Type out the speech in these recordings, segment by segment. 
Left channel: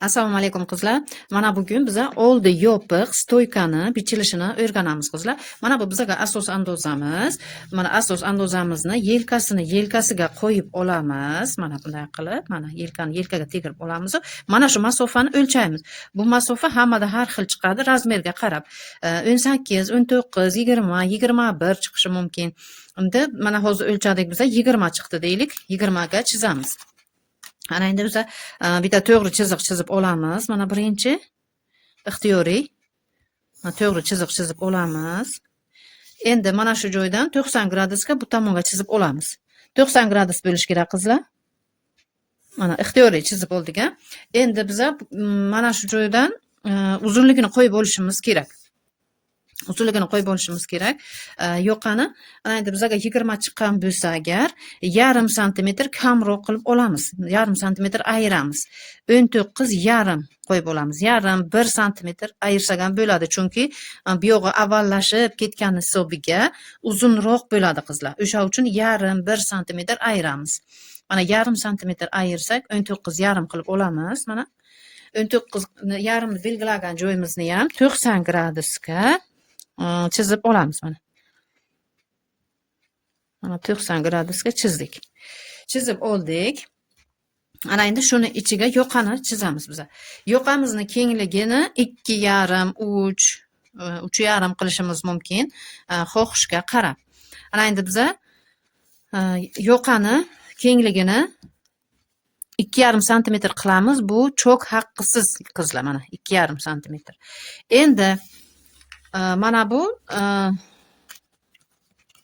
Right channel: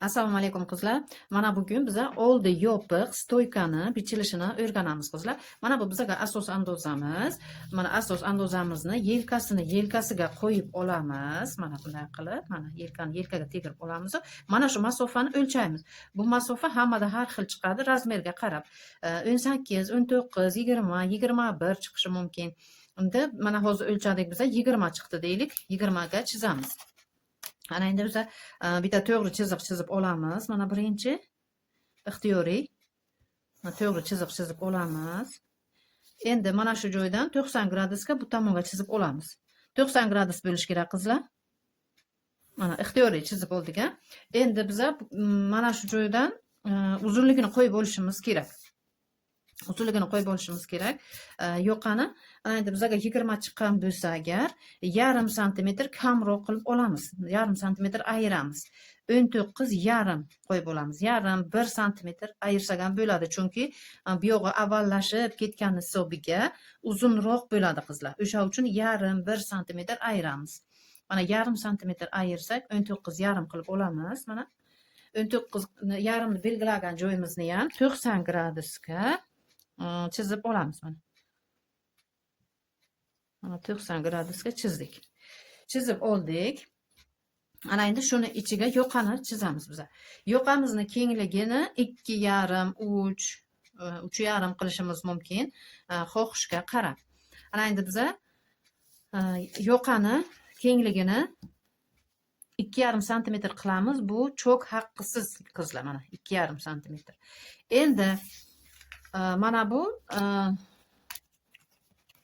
Assalomu alaykum qizlar. Mana bugun biza oldi yopiq stoykani bichilishini o'rganamiz qizlar. Mana bu bizga asos andozamiz. Mana asos andozamizni yelkasiga qo'yib olamiz. Mana bunday qilib, mana yelkani yelkaga tegirib olamiz. Mana shu masofani o'lchaymiz. Bu masofa hammada har xil chiqadi, razmerga qarab. 18, 19, 20, 21 chiqishi mumkin. Unda mana hozir o'lchadik biza 20 chiqdi deylik. 20 ga chizamiz. Ana endi biza bitta to'g'ri chiziq chizib olamiz. Mana birinchi ixtiyoriy. Mana to'g'ri chiziq chizib olamiz. Endi mana shu joydan 90 gradusga bu tomonga chizib olamiz. 90 gradus bo'lish kerak qizlar. Mana ixtiyoriy chizib oldik a. Endi biza mana shu joydan uzunligini qo'yib olishimiz kerak. Uzunligini qo'yib olishimiz kerak. Yoqani endi bizga 20 chiqqan bo'lsa agar, yarim santimetr kamroq qilib olamiz. Yarim santimetr ayiramiz. 19,5 qo'yib olamiz. Yarim 1 santimetr ayirsak ham bo'ladi, chunki bu yog'i avvallashib ketgan hisobiga uzunroq bo'ladi qizlar. O'sha uchun yarim 1 santimetr ayiramiz. Mana yarim santimetr ayirsak 19,5 qilib olamiz. Mana 19,5 ni belgilagan joyimizni ham 90 gradusga chizib olamiz mana. Mana 90 gradusga chizdik. Chizib oldik. Ana endi shuni ichiga yoqani chizamiz biz. Yoqamizni kengligini 2,5, 3, 3,5 qilishimiz mumkin, xohishga qarab. Ana endi biz yoqani kengligini 2,5 santimetr qilamiz. Bu cho'k haqqisiz qizlar mana 2,5 santimetr. Endi mana bu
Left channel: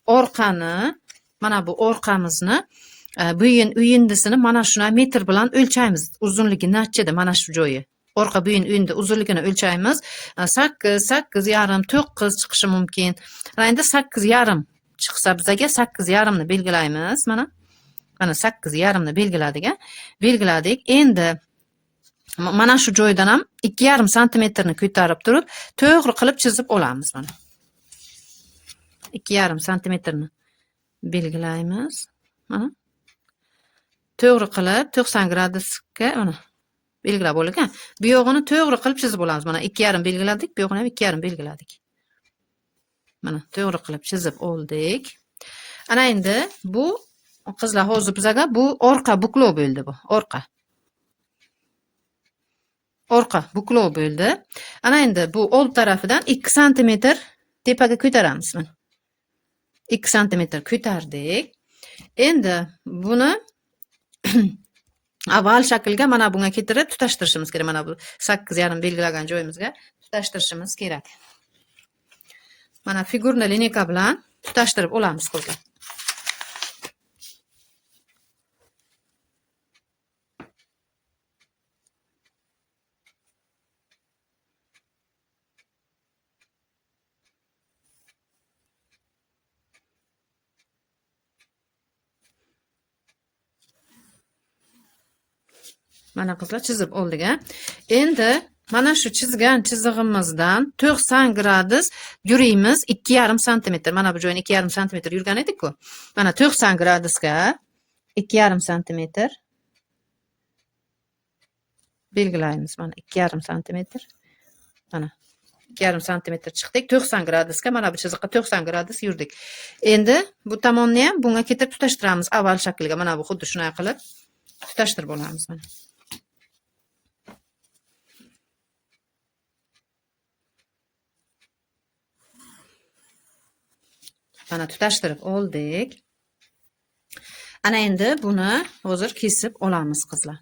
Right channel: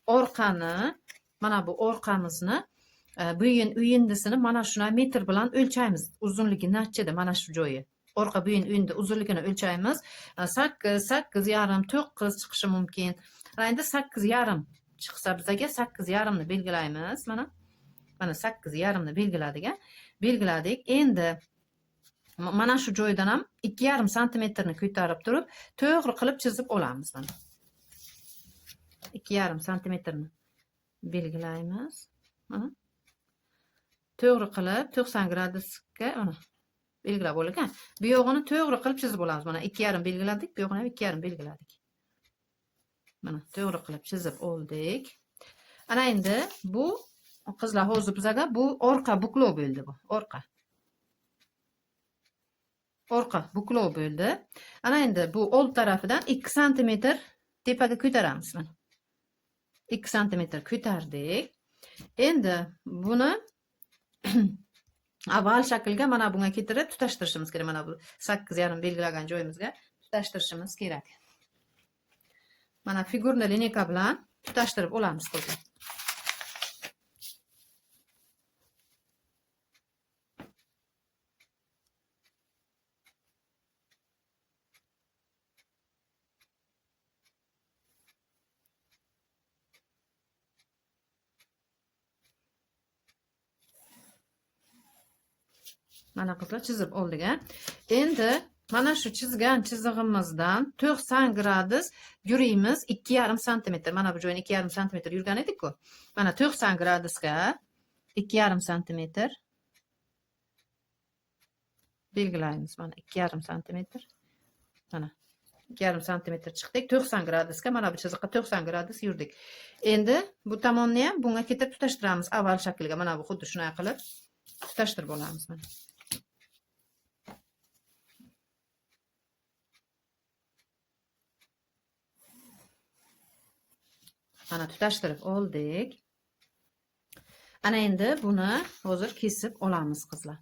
orqani, mana bu orqamizni, buyin uyindisini mana shuna metr bilan o'lchaymiz. Uzunligi nechida mana shu joyi. Orqa buyin uyindi uzunligini o'lchaymiz. 8, 8,5, 9 chiqishi mumkin. Endi 8,5 chiqsa bizaga 8,5 ni belgilaymiz. Mana 8,5 ni belgiladik. Endi mana shu joydan ham 2,5 santimetrni ko'tarib turib, to'g'ri qilib chizib olamiz mana. 2,5 santimetrni belgilaymiz. Mana. To'g'ri qilib 90 gradusga mana belgilab olduk. Bu yog'ini to'g'ri qilib chizib olamiz. Mana 2,5 belgiladik, bu yog'ini ham 2,5 belgiladik. Mana to'g'ri qilib chizib oldik. Ana endi bu qizlar hozir bizaga bu orqa buklov bo'ldi bu. Orqa buklov bo'ldi. Ana endi bu old tarafidan 2 santimetr tepaga ko'taramiz. 2 santimetr ko'tardik. Endi buni avval shaklga mana bunga keltirib tutashtirishimiz kerak. Mana bu 8,5 belgilagan joyimizga tutashtirishimiz kerak. Mana figurni lineyka bilan tutashtirib olamiz qizlar. Mana qizlar chizib oldik a. Endi mana shu chizgan chizig'imizdan 90 gradus yurimiz 2,5 santimetr. Mana bu joyini 2,5 santimetr yurgan edik-ku. Mana 90 gradusga 2,5 santimetr belgilaymiz. Mana 2,5 santimetr. Mana 2,5 santimetr chiqdik. 90 gradusga mana bu chiziqqa 90 gradus yurdik. Endi bu tomonni ham bunga keltirib tutashtiramiz avval shakliga. Mana bu xuddi shunday qilib tutashtirib olamiz mana. Mana tutashtirib oldik. Ana endi buni hozir kesib olamiz qizlar.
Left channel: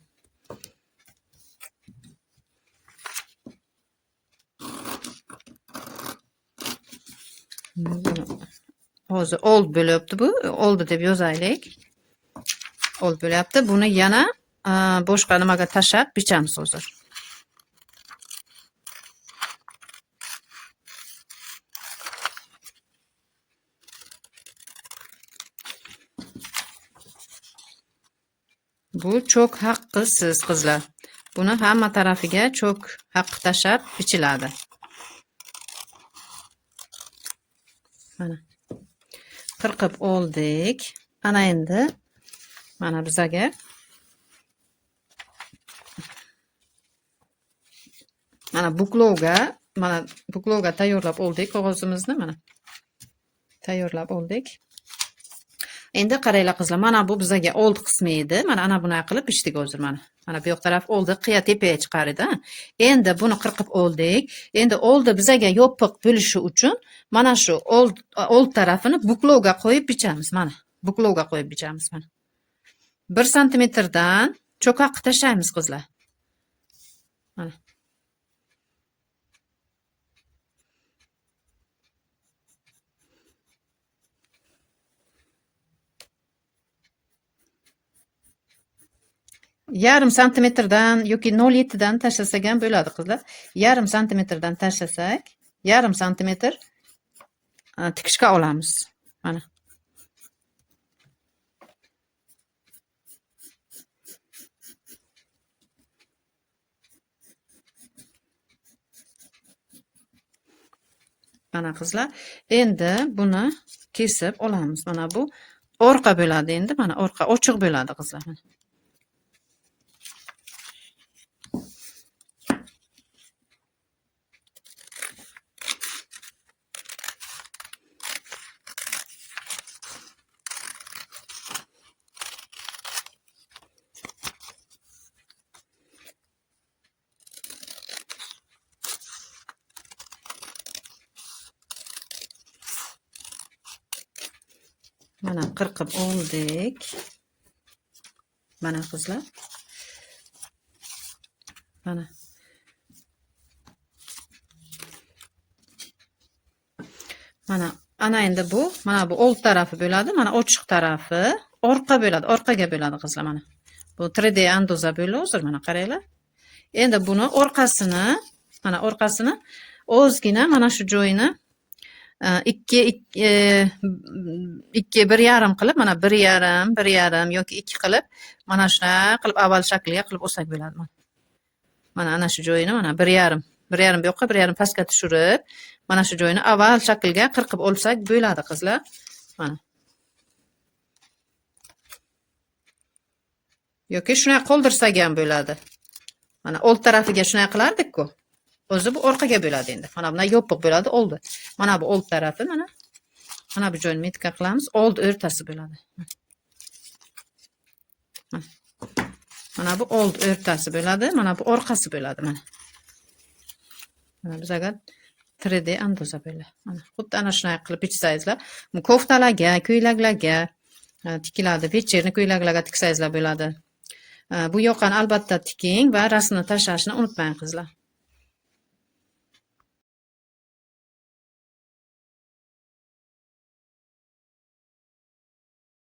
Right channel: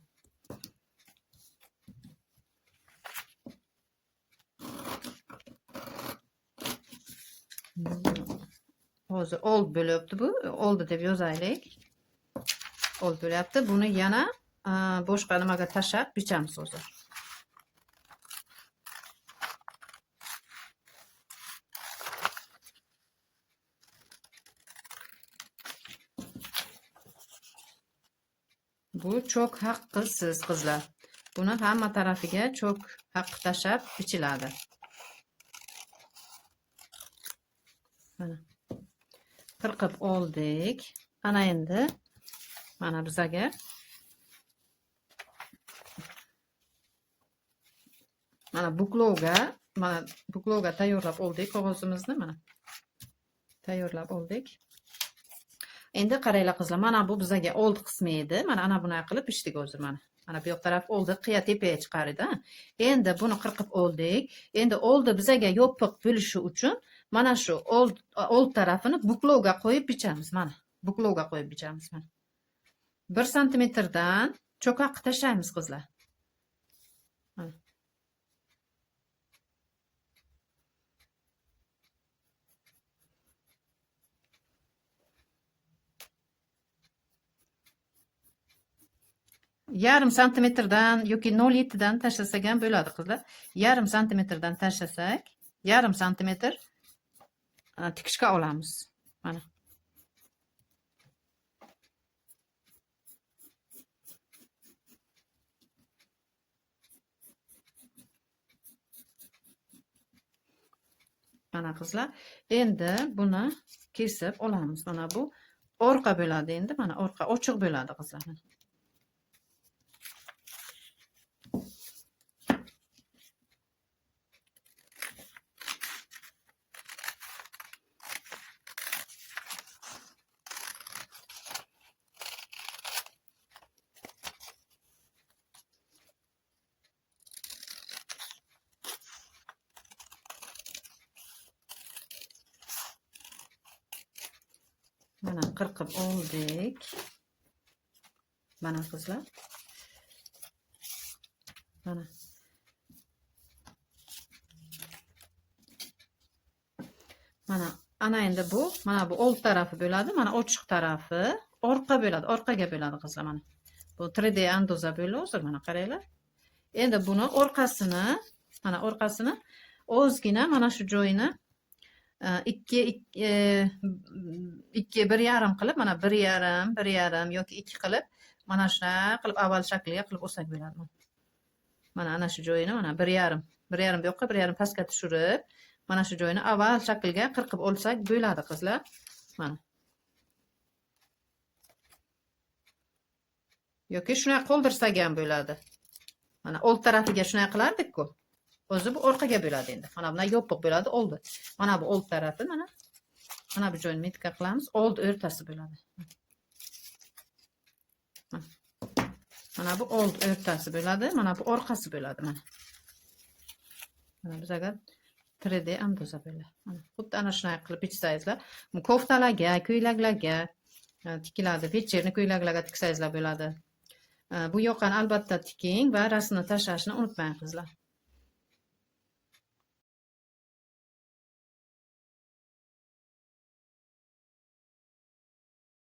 Hozir old bo'lyapti bu. Oldi deb yozaylik. Old bo'lyapti. Buni yana boshqa nimaga tashab bichamiz hozir. Bu cho'k haqqisiz qizlar. Buni hamma tarafiga cho'k haqqi tashab bichiladi. Mana. Qirqib oldik. Ana endi mana bizaga Mana buklovga tayyorlab oldik qog'ozimizni, mana tayyorlab oldik. Endi qaranglar qizlar, mana bu bizga old qismi edi. Mana ana bunaqa qilib bichdik hozir mana. Mana bu yoq taraf oldi, qiya tepaga chiqar edi. Endi buni qirqib oldik. Endi oldi bizga yopiq bo'lishi uchun mana shu old tarafini buklovga qo'yib bichamiz. Mana buklovga qo'yib bichamiz mana. 1 santimetrdan cho'qqa tashlaymiz qizlar. Mana. Yarim santimetrdan yoki 0,7 dan tashlasak ham bo'ladi qizlar. Yarim santimetrdan tashlasak, yarim santimetr tikishga olamiz. Mana. Mana qizlar, endi buni kesib olamiz. Mana bu orqa bo'ladi endi. Mana orqa ochiq bo'ladi qizlar. Mana qirqib oldik. Mana qizlar. Mana. Mana ana endi bu, mana bu old tarafi bo'ladi, mana ochiq tarafi orqa bo'ladi, orqaga bo'ladi qizlar mana. Bu 3D andoza bo'ladi hozir mana qaranglar. Endi buni orqasini, mana orqasini ozgina mana shu joyini 1,5 qilib, mana 1,5 yoki 2 qilib, mana shunaqa qilib avval shakliga qilib olsak bo'ladi. Mana ana shu joyini mana 1,5 bu yoqqa 1,5 pastga tushirib, mana shu joyini avval shaklga qirqib olsak bo'ladi qizlar. Mana. Yoki shunday qoldirsak ham bo'ladi. Mana old tarafiga shunday qilardik-ku. O'zi bu orqaga bo'ladi endi. Mana bunday yopiq bo'ladi oldi. Mana bu old tarafi mana. Mana bu joyni metka qilamiz, old o'rtasi bo'ladi. Mana bu old o'rtasi bo'ladi, mana bu orqasi bo'ladi mana. Mana bizga 3D andoza bo'ladi. Mana xuddi ana shunday qilib bichsangizlar, bu koftalarga, ko'ylaklarga tikiladi, vechерni ko'ylaklarga tiksangizlar bo'ladi. Bu yoqani albatta tiking va rasmni tashlashni unutmang qizlar.